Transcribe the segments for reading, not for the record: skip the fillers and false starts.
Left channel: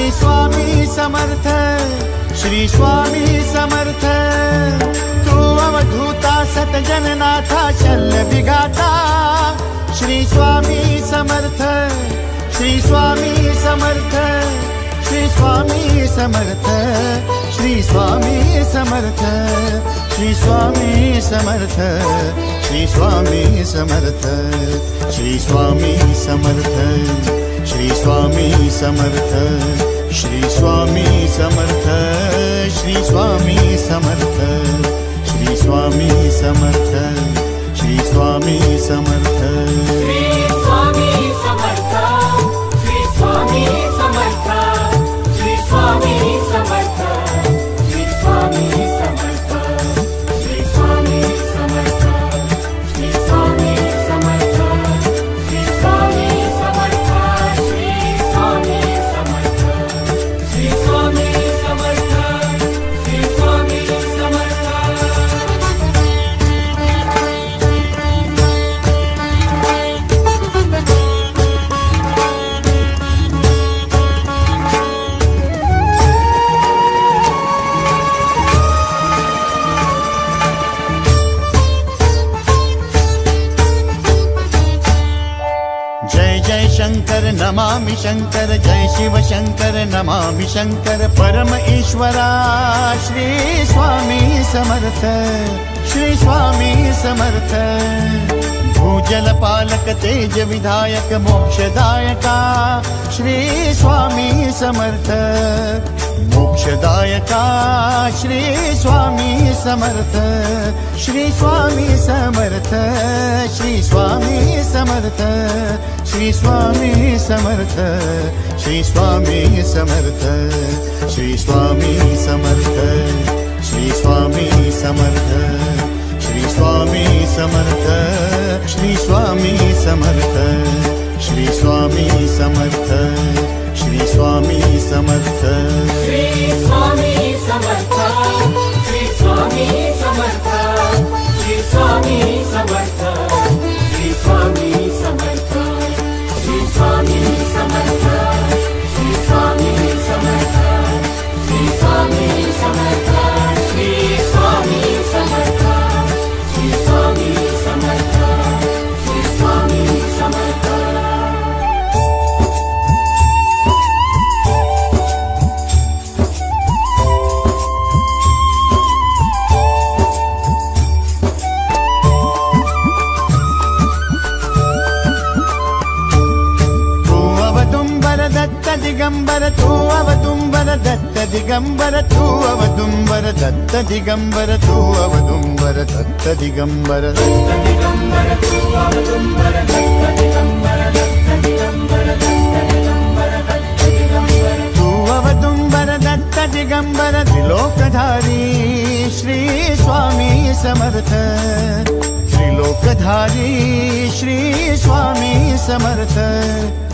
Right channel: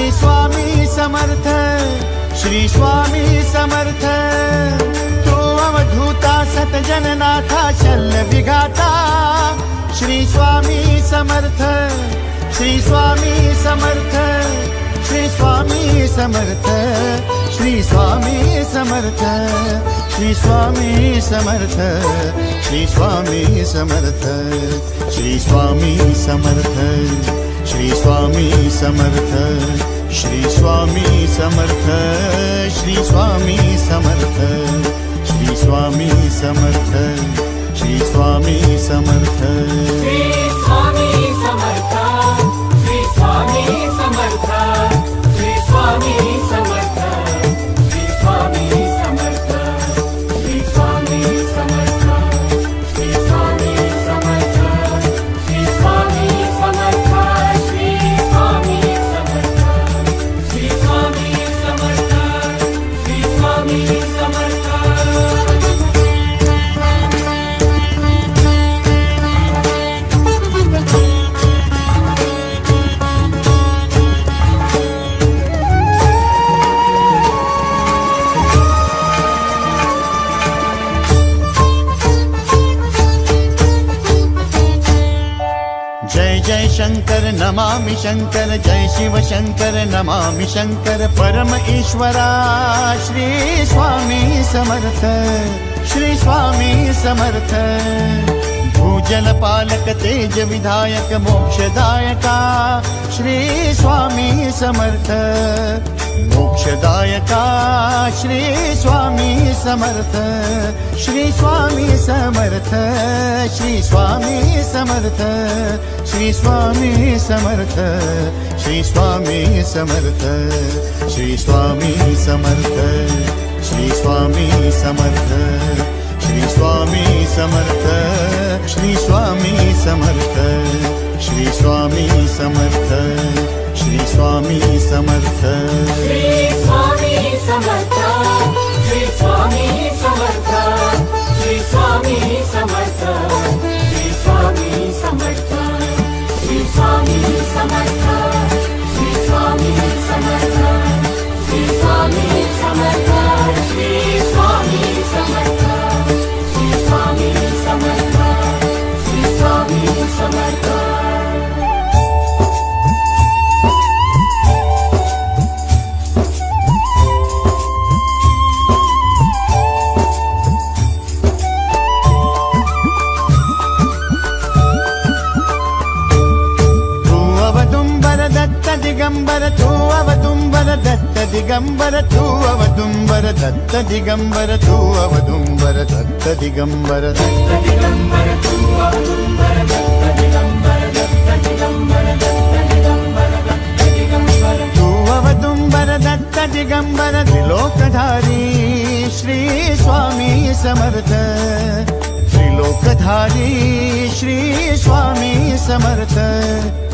श्री स्वामी समर्थ, श्री स्वामी समर्थ। तू अवधूता सतजननाथा शल्य विघाता, श्री स्वामी समर्थ, श्री स्वामी समर्थ, श्री स्वामी समर्थ, श्री स्वामी समर्थ, श्री स्वामी समर्थ, श्री स्वामी समर्थ, श्री स्वामी समर्थ, श्री स्वामी समर्थ, श्री स्वामी समर्थ, श्री स्वामी समर्थ, श्री स्वामी समर्थ, श्री स्वामी समर्थ। जय जय शंकर नमामि शंकर, जय शिव शंकर नमामि शंकर। परम ईश्वरा श्री स्वामी समर्थ, श्री स्वामी समर्थ। भूजल पालक तेज विधायक मोक्षदायका, श्री स्वामी समर्थ। मोक्षदायका श्री स्वामी समर्थ, श्री स्वामी समर्थ, श्री स्वामी समर्थ, श्री स्वामी समर्थ, श्री स्वामी समर्थ, श्री स्वामी समर्थ, श्री स्वामी समर्थ, श्री स्वामी समर्थ, श्री स्वामी समर्थ, श्री स्वामी समर्थ, श्री स्वामी समर्थ। श्री स्वामी समर्थ, श्री स्वामी समर्थ, श्री स्वामी समर्थ, श्री स्वामी समर्थ, श्री स्वामी समर्थ, श्री स्वामी समर्थ, श्री स्वामी समर्थ, श्री स्वामी समर्थ, श्री स्वामी समर्थ, श्री स्वामी समर्थ। अवदुंबर दत्त दिगंबर, तू अवदुंबर दत्त दिगंबर, तू अवदुंबर दत्त दिगंबर, तू अवदुंबर दत्त दिगंबर। तू अवदुंबर दत्त दिगंबर, त्रिलोकधारी श्री स्वामी समर्थ। त्रिलोकधारी श्री स्वामी समर्थ,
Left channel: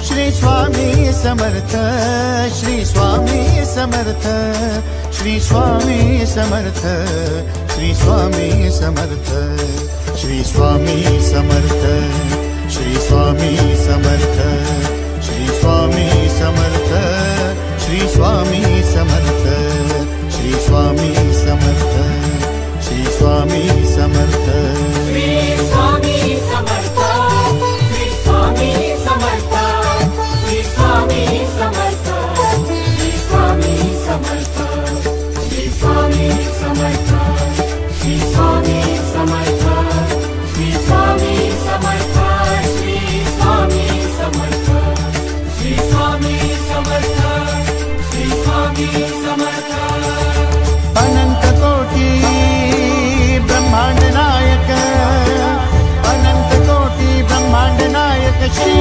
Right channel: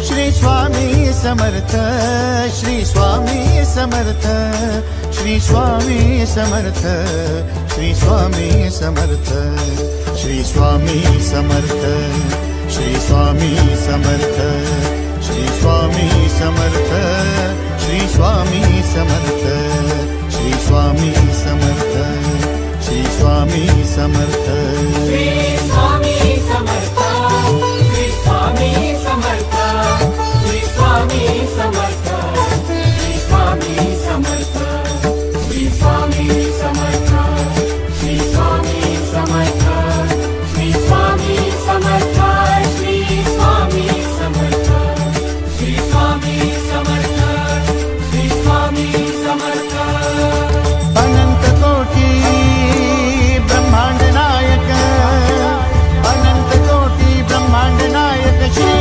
श्री स्वामी समर्थ, श्री स्वामी समर्थ, श्री स्वामी समर्थ, श्री स्वामी समर्थ, श्री स्वामी समर्थ, श्री स्वामी समर्थ, श्री स्वामी समर्थ, श्री स्वामी समर्थ, श्री स्वामी समर्थ, श्री स्वामी समर्थ। श्री स्वामी समर्थ, श्री स्वामी समर्थ, श्री स्वामी समर्थ, श्री स्वामी समर्थ, श्री स्वामी समर्थ, श्री स्वामी समर्थ, श्री स्वामी समर्थ, श्री स्वामी समर्थ, श्री स्वामी समर्थ, श्री स्वामी समर्थ। अनंत कोटी ब्रह्मांड नायक, अनंत कोटी ब्रह्मांड नायक श्री